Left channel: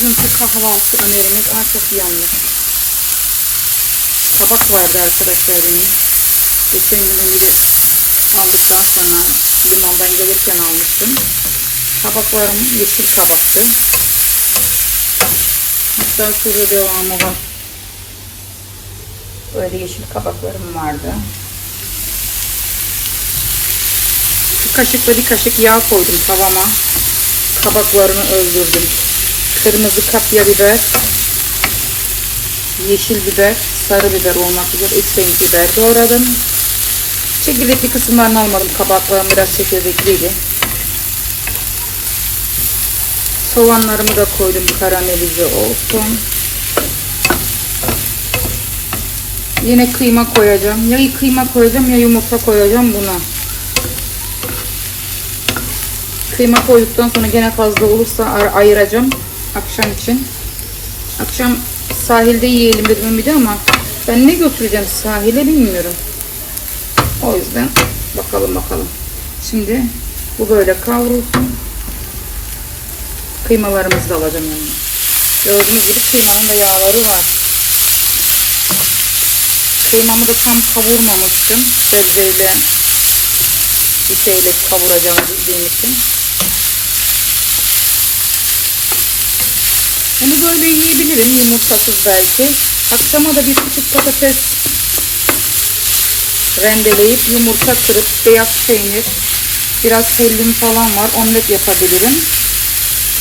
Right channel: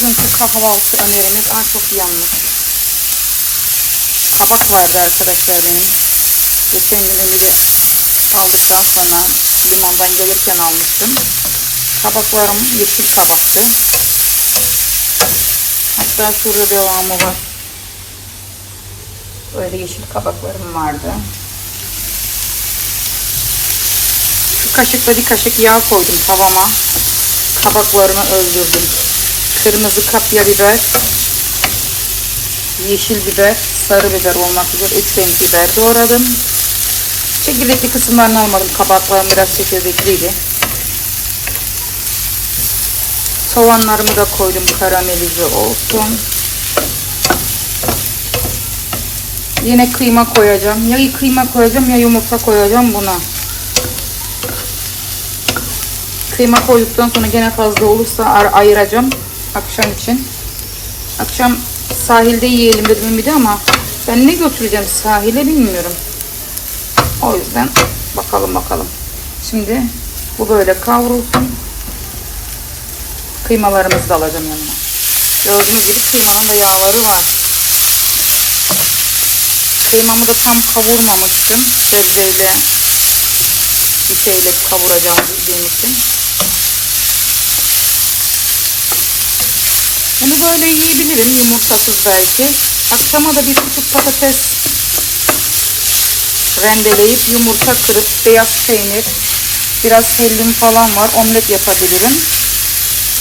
Bugünkü kahvaltı önerimiz Ay çok yanlış. Kabak vardı arkadaşlar benim. Geçen gün bir aldıktan sonra limandan gelirken almıştım. Kabaklarım yeşil kabaktı. Hatta şurada devamı var. Böyle yeşil kabaklarım vardı. Bir kaşıkla bir kaşık yağ koydum tavama. Kabaklarını öldürdüm. Kırmızı kapya biber, yeşil biber, sarı biber olmak üzere üç renk biber doğradım. Çekirdekli kısımlarını almadım. Kabaklarım biraz çekirdekliydi. Soğanlarımı da koydum karamelize olsun. Yine kıyma koyacağım. Ya kıyma koyacağım ya yumurta koyacağım buna. Kıyma koyduktan sonra gene fazla olursa ayıracağım akşam için. Akşam sahilde yiyelim dedim de ama ben ne götüreceğim sahile bilmiyorum. O yüzden bakalım bakalım. Şimdi bu böyle kavrulsun. Kıymalarımızı da alacağım yanına. Gördüğünüz gibi kıymanın da yağları var. Kıymamı da tam kavurmamıştım. Sebzeyle bir şeyle kavuracağım bildiğim için. Bunu böyle yiyebilirim yumurtasız belki. Akşama da bir küçük patates rendeleyip yumurta kırıp beyaz peynir, biraz hellim falan var. Omlet yapabilirim.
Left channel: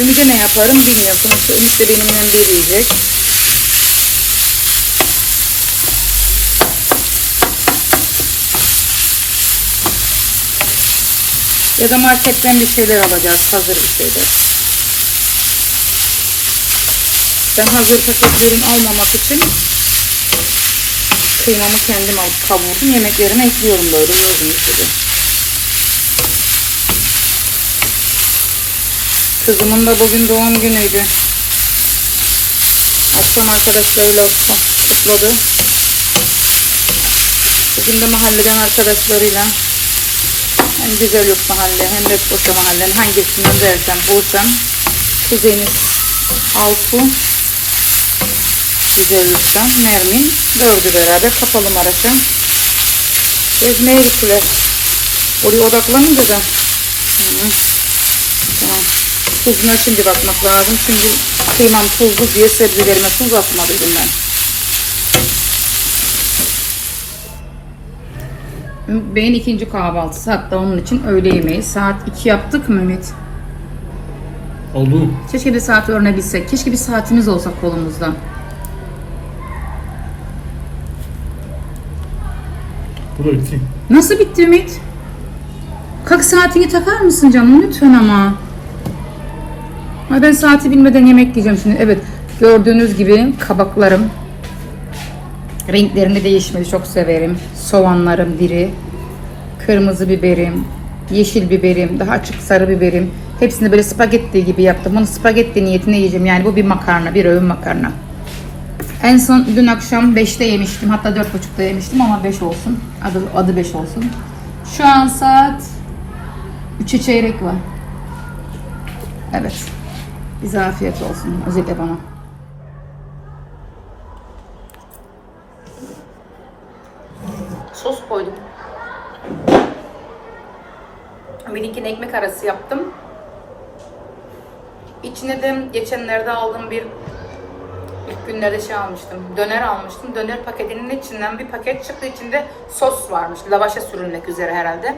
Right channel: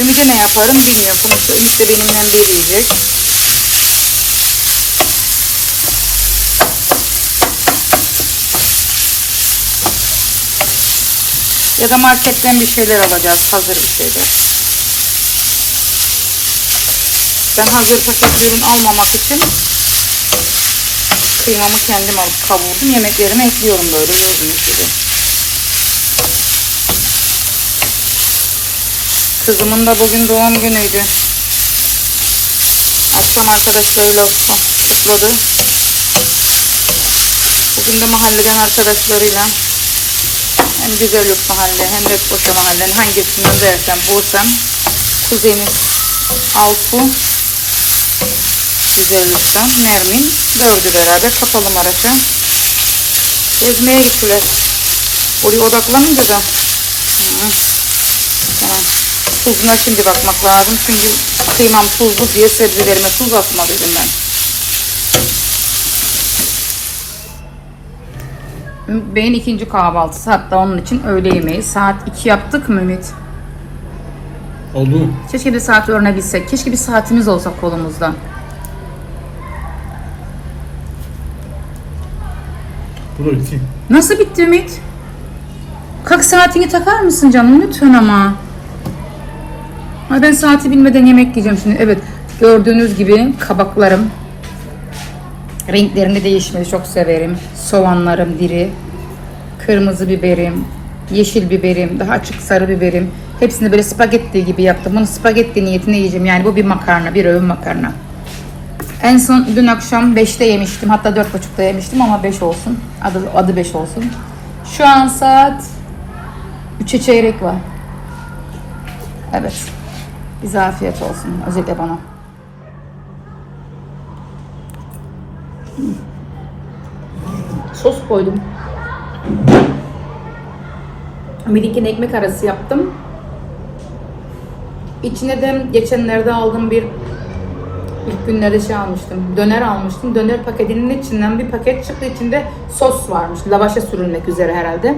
Ümit'e ne yaparım bilmiyorum. Sonuçta Ümit de benimle bir yiyecek. Ya da marketten bir şeyler alacağız. Hazır bir şeyler. Ben hazır paket ürün almamak için kıymamı kendim alıp kavurdum. Yemeklerimi ekliyorum böyle gördüğünüz gibi. Kızımın da bugün doğum günüydü. Akşam arkadaşlarıyla kutladı. Bugün de mahalleden arkadaşlarıyla hem güzel yok mahalle hem de Koşa mahallenin hangisini dersem bulsam kuzeni Altu Güzellikten Nermin dördü beraber kapalı Maraş'a gezmeye gittiler. Oraya odaklanınca da tuzuna şimdi bakmak lazım. Çünkü kıymam tuzlu diye sebzelerime tuz atmalıydım ben. Beyin ikinci kahvaltısı hatta onun için öğle yemeği. Saat 2 yaptık mı Ümit? Oldu. Keşke bir saat öğrenebilsek. Keşke bir saatimiz olsa kolumuzda. Bu da bitti. Nasıl bitti Ümit? Kalk saatini takar mısın canım lütfen ama. Ay ben saati bilmeden yemek yiyeceğim şimdi. Evet gördüğünüz gibi kabaklarım. Renklerini değişmeyi çok severim. Soğanlarım diri. Kırmızı biberim. Yeşil biberim. Daha açık sarı biberim. Hepsini böyle spagetti gibi yaptım. Bunu spagetti niyetine yiyeceğim. Yani bu bir makarna. Bir öğün makarna. En son dün akşam 5'te yemiştim. Hatta 4.30'da yemiştim ama 5 olsun. Adı, adı 5 olsun. Şu an saat 3'e çeyrek var. Evet. Bize afiyet olsun. Özellikle bana. Sos koydum. Amerikan ekmek arası yaptım. İçine de geçenlerde aldığım bir İlk günlerde şey almıştım. Döner almıştım. Döner paketinin içinden bir paket çıktı. İçinde sos varmış. Lavaşa sürülmek üzere herhalde.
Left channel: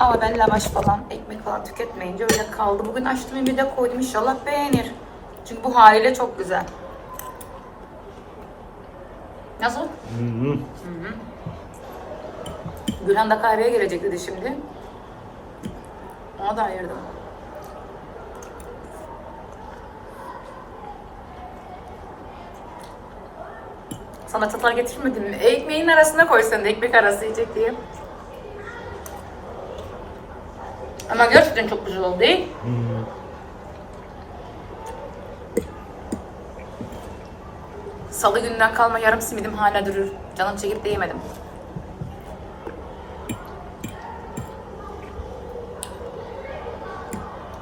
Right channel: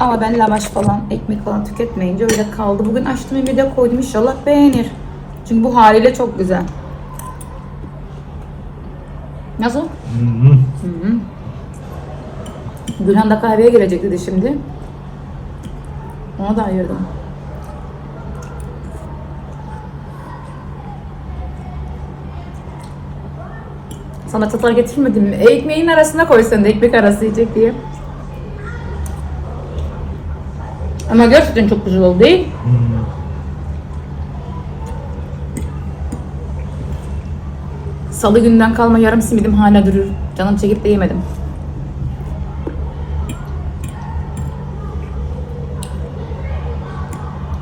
Ama ben lavaş falan, ekmek falan tüketmeyince öyle kaldı. Bugün açtım bir de koydum. İnşallah beğenir. Çünkü bu haliyle çok güzel. Nasıl? Gülhan da kahveye gelecek dedi şimdi. Ona da ayırdım. Sana çatal getirmedim mi? Ekmeğin arasına koysan da ekmek arası yiyecek diye. Ama gerçekten çok güzel oldu değil? Salı günden kalma yarım simidim hala durur. Canım çekip de yemedim.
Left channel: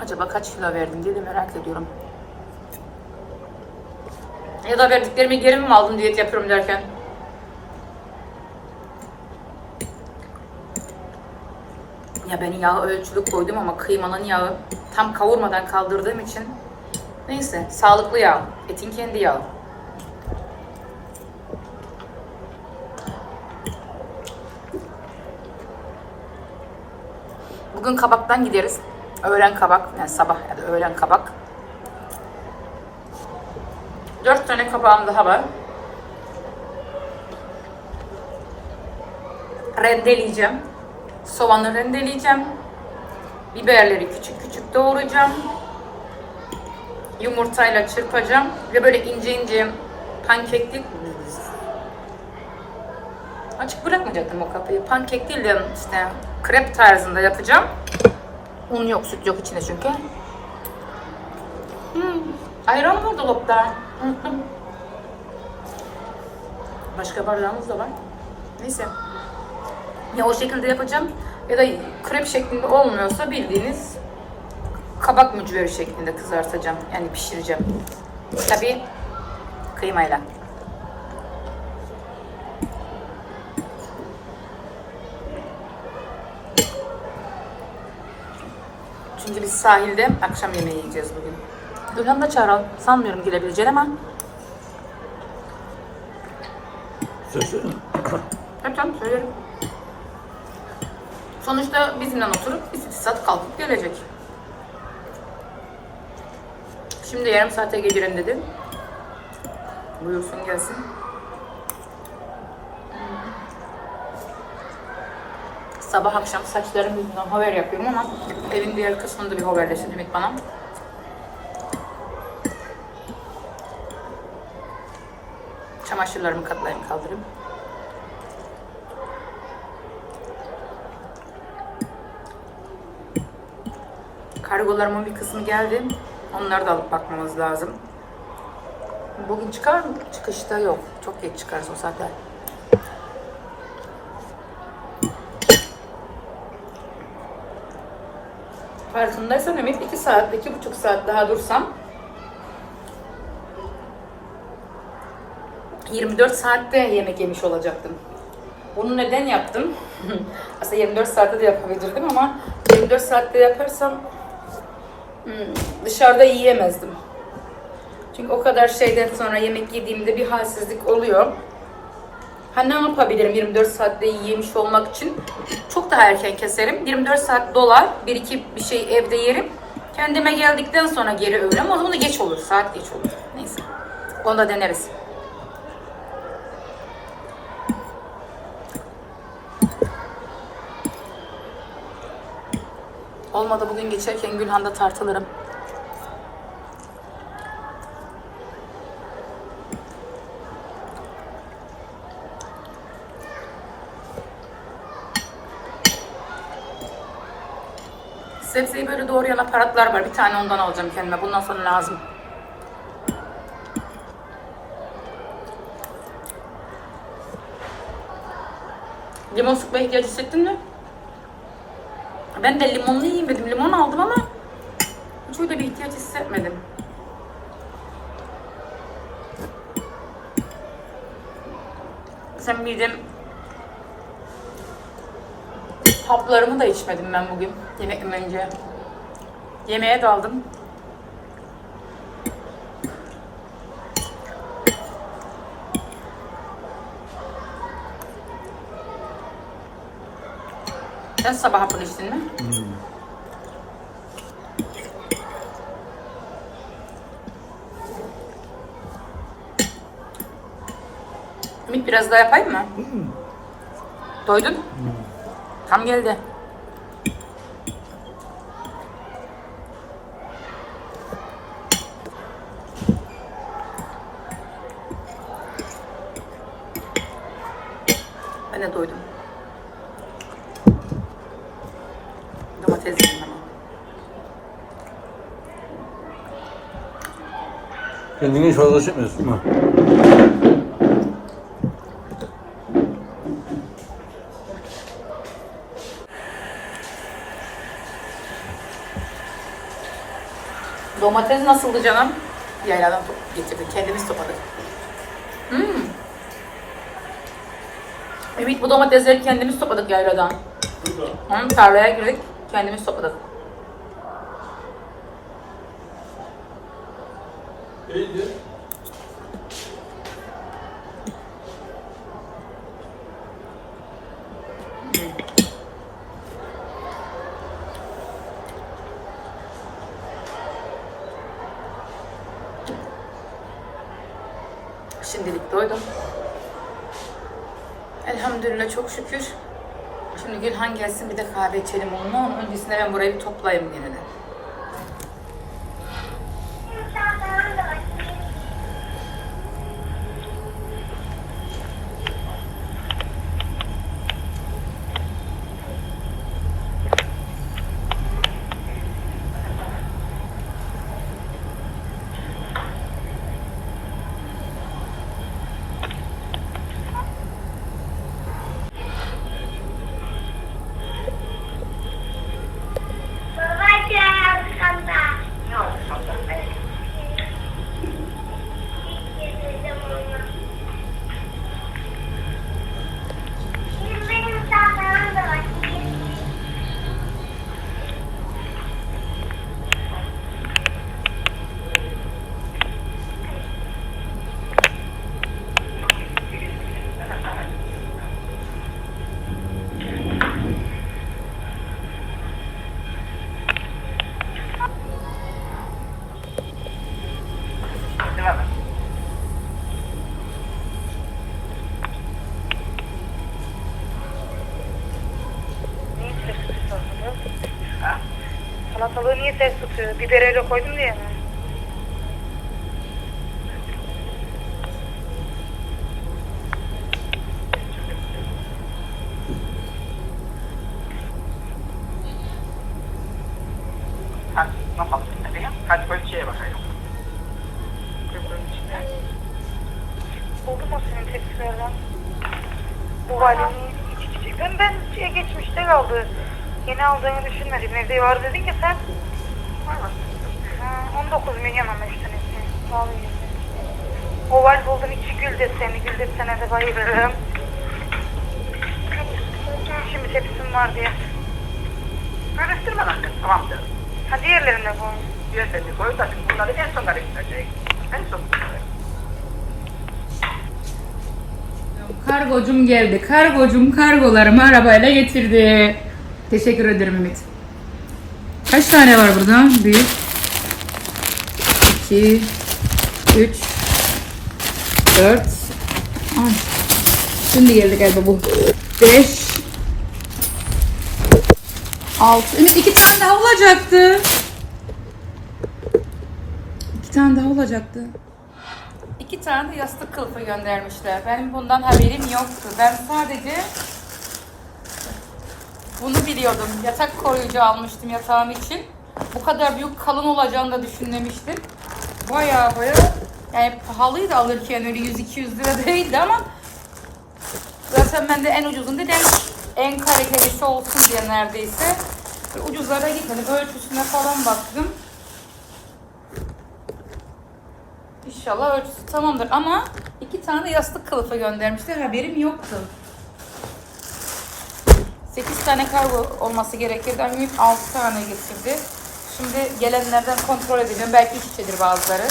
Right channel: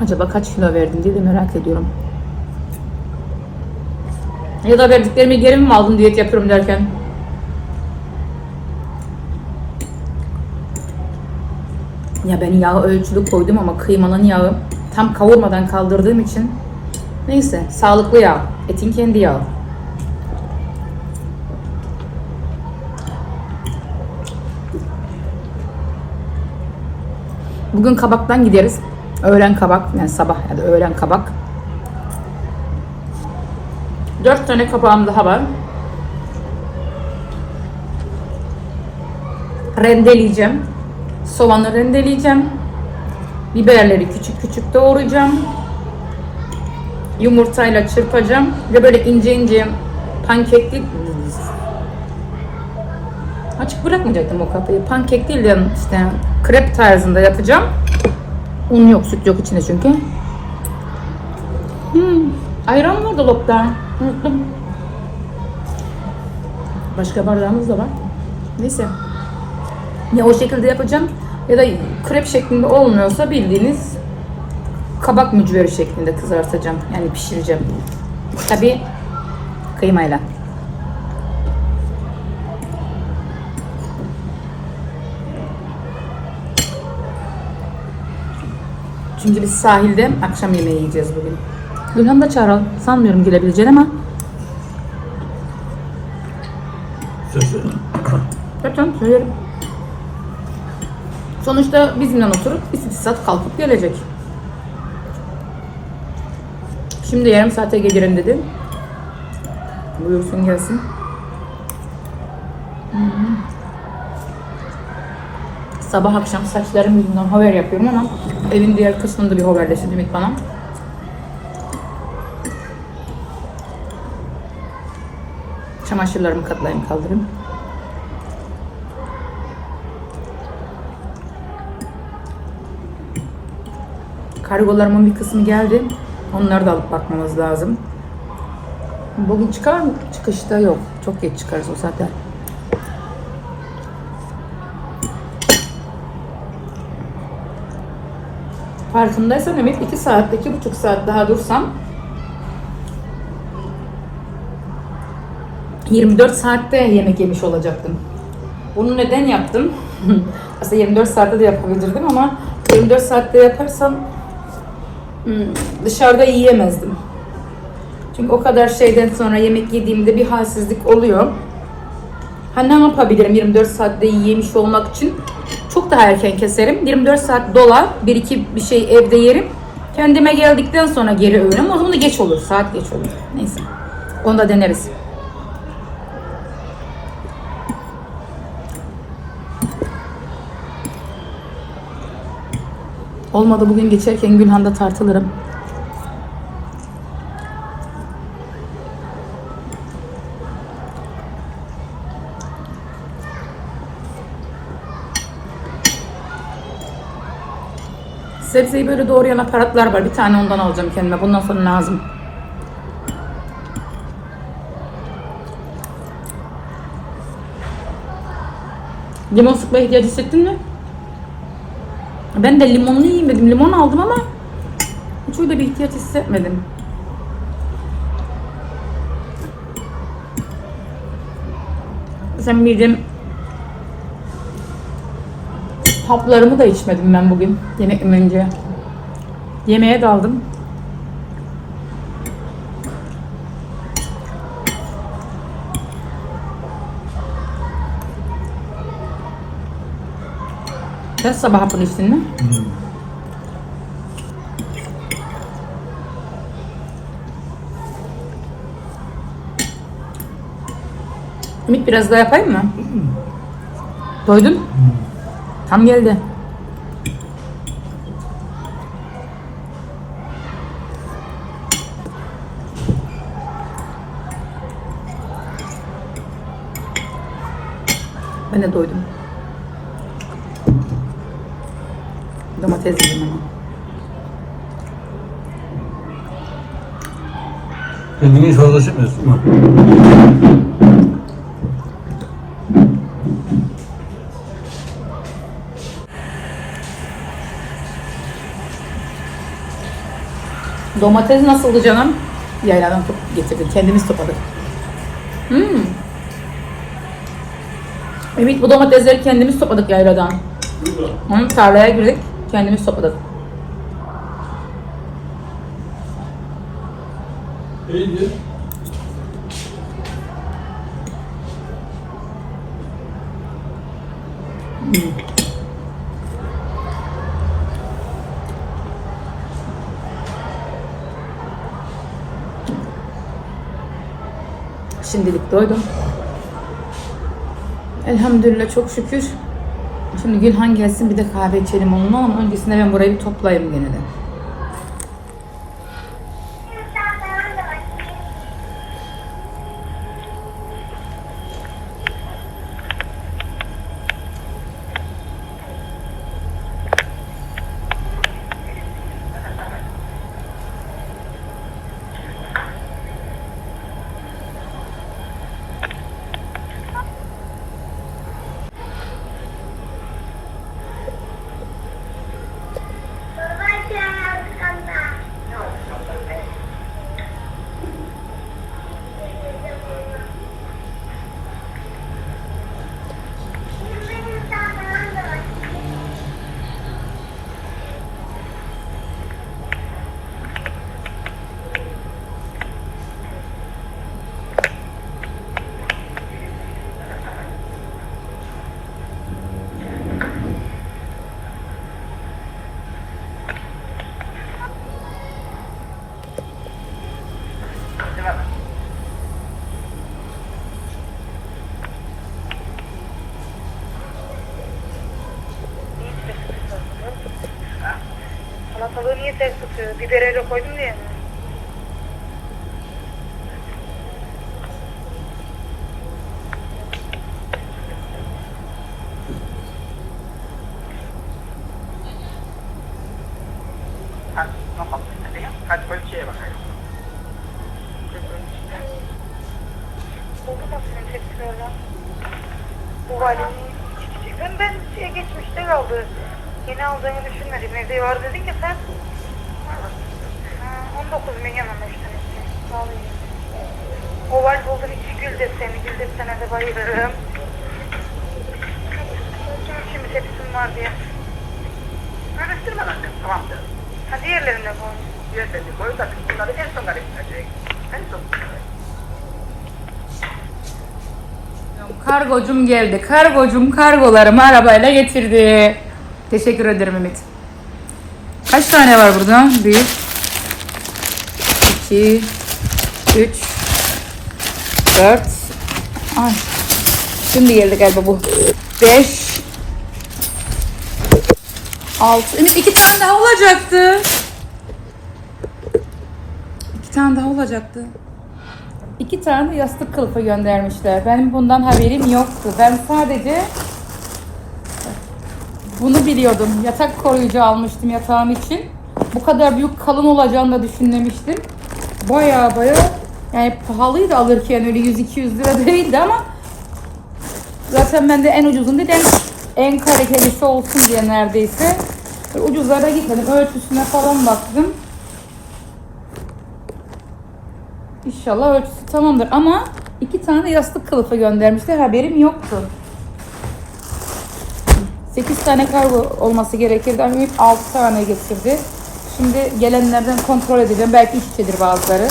Acaba kaç kilo verdim diye de merak ediyorum. Ya da verdiklerimi geri mi aldım diyet yapıyorum derken. Ya ben yağı ölçülü koydum ama kıymanın yağı tam kavurmadan kaldırdığım için neyse sağlıklı yağ. Etin kendi yağı. Bugün kabaktan gideriz. Öğlen kabak, yani sabah ya da öğlen kabak. Dört tane kabağım daha var. Rendeleyeceğim. Soğanı rendeleyeceğim. Biberleri küçük küçük doğrayacağım. Yumurtayla çırpacağım. Ve böyle ince ince pankekli Açık bırakmayacaktım o kapıyı. Pankek değil de işte krep tarzında yapacağım. Un yok, süt yok içinde çünkü. Hmm. Ayran var dolapta. Unuttum. Başka bardağımız da var. Neyse. Ya o şekilde yapacağım ya da krep şeklinde olmuyorsa bildiğiniz kabak mücveri şeklinde kızartacağım. Yani pişireceğim. Tabi kıymayla. Çünkü biz sahilde akşam yemeği yiyeceğiz bugün. Gülhan da çağıralım. Sanmıyorum gidebileceğini ama. Yapacağım, söylerim. Sonuçta bizimle oturup saat kalkıp gelecek. Şimdi yarım saate gelirim dedi. Buyursun gelsin. Sabah akşam saçlarım yüzünden haber yapıyorum ama evin diğer kısmında bir haberleşti Ümit bana. Çamaşırlarımı katlayayım kaldırayım. Kargolarımın bir kısmı geldi. Onları da alıp bakmamız lazım. Bugün çıkar mı? Çıkışta yok. Çok geç çıkarız o saatte. Farkındaysan Ümit 2 saat, 2,5 saat daha dursam 24 saatte yemek yemiş olacaktım. Bunu neden yaptım? Aslında 24 saatte de yapabilirdim ama 24 saatte yaparsam hmm, dışarıda yiyemezdim. Çünkü o kadar şeyden sonra yemek yediğimde bir halsizlik oluyor. Ha ne yapabilirim 24 saatte yemiş olmak için? Çok daha erken keserim. 24 saat dolar, bir iki bir şey evde yerim. Kendime geldikten sonra geri öğünüm. O zaman da geç olur, saat geç olur. Neyse. Onu da deneriz. Olmadı bugün geçerken Gülhan'da tartılırım. Sebzeyi böyle doğrayan aparatlar var. Bir tane ondan alacağım kendime. Bundan sonra lazım. Limon sıkmaya ihtiyacı hissettin mi? Ben de limonlu yiyeyim dedim. Limon aldım ama hiç öyle bir ihtiyaç hissetmedim. Sen midem haplarımı da içmedim ben bugün yemekten önce. Yemeğe daldım. Sen sabah hapını içtin mi? Ümit biraz daha yapayım mı? Doydun? Tam geldi. Hiç fazla çekmiyorsun mu? Domates nasıldı canım? Yayladan top getirdik. Kendimiz topladık. Hmm. Ümit bu domatesleri kendimiz topladık yayladan. Hı, tarlaya girdik. Kendimiz topladık. İyidir. Şimdilik doydum. Elhamdülillah çok şükür. Şimdi Gülhan gelsin bir de kahve içelim onunla ama öncesinde ben burayı bir toplayayım gene de. Tutuyor? Biber öyle koydum diye mi? Hadi. Hadi ölçüye bakayım. Oldu mu senin tepkilerden? Bu valini ben, ben şeye geçmişte kaldı. Yeni aldığını düşünmedim. Evde var dedin ki sen. Ha, 19 milyon. Vallahi. Oval buldum içi gül deseni. Gül desene de bayılırım. Şimdi tepsim var diye. Karıştırmadan kız, tamam canım. Ha diğerlerine koy. Diğerlerini koy da bunları en son karıştıracak. En son. Kargocum geldi. Kargocum kargolarımı arabayla getirdi. Teşekkür ederim Ümit. Kaç tane var burada? 1 2 3 4 Ay. Şimdi geldi galiba bu. 5 6 Ümit iki tane daha olacaktı. İki tane daha olacaktı. İki tane yastık kılıfı göndermişler. Benim bundan haberim yoktu. Ben sadece bunu biliyordum. Yatak koruyucu almıştım yatağım için. Bu kadar büyük kalın olacağını da düşünmemiştim. Baya baya yani pahalıydı alırken öyle 100-200 lira değildi ama zaten ben de en ucuzun değil en, kalitelisi olsun diye neredeyse ucuzlara gitmedim. Ölçüsüne falan baktım. İnşallah ölçüsü tamamdır ama iki tane yastık kılıfı göndermişler haberim yoktu. 8 tane kargo olması gerekirdi ama Ümit 6 tane getirdi. Şimdi gelenlerden kontrol edeceğim. Belki ikisidir bazıları.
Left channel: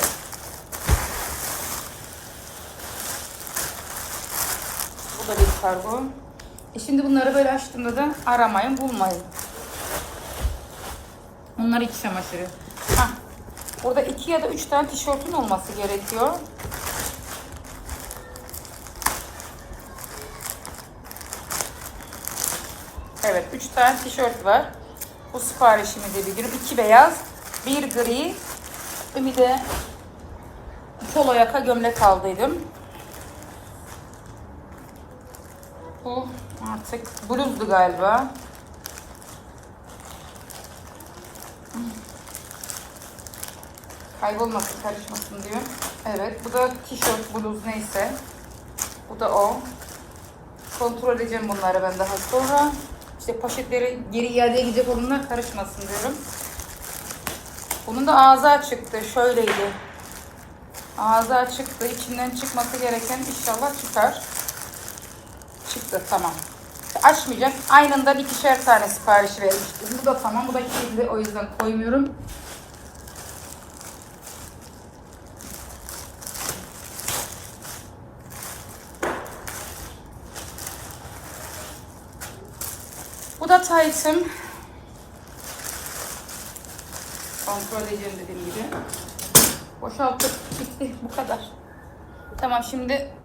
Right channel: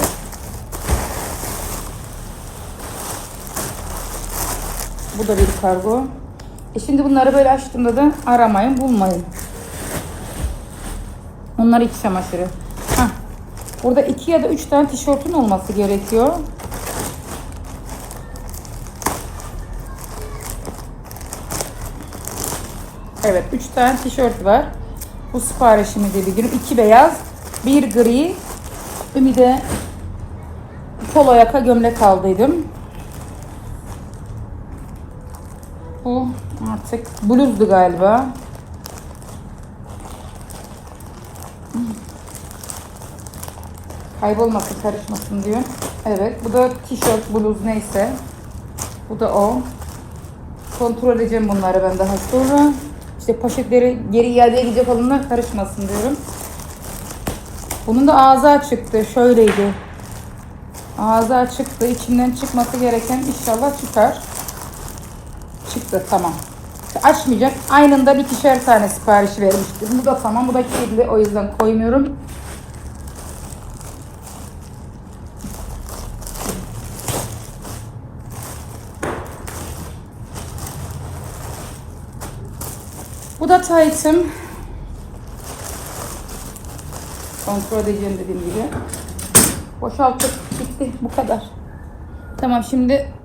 Bu da bir kargo. E şimdi bunları böyle açtığımda da aramayın, bulmayın. Bunlar iç çamaşırı. Hah. Burada iki ya da üç tane tişörtün olması gerekiyor. Evet, üç tane tişört var. Bu siparişimizi bildirim. İki beyaz, bir gri. Bir de polo yaka gömlek aldıydım. Bu artık bluzdu galiba. Kaybolmasın, karışmasın diyor. Evet, bu da tişört, bluz neyse. Bu da o. Kontrol edeceğim bunları ben daha sonra. İşte poşetleri geri iadeye gidecek olanlar karışmasın diyorum. Bunun da ağzı açıktı. Şöyleydi. Ağzı açıktı. İçinden çıkması gereken inşallah çıkar. Çıktı tamam. Açmayacak. Aynında ikişer tane sipariş vermiştim. Bu da tamam. Bu da kirli. O yüzden koymuyorum. Da Tyson. Kontrol edeceğim dediğim gibi. Boşalttık. Bitti. Bu kadar. Tamam şimdi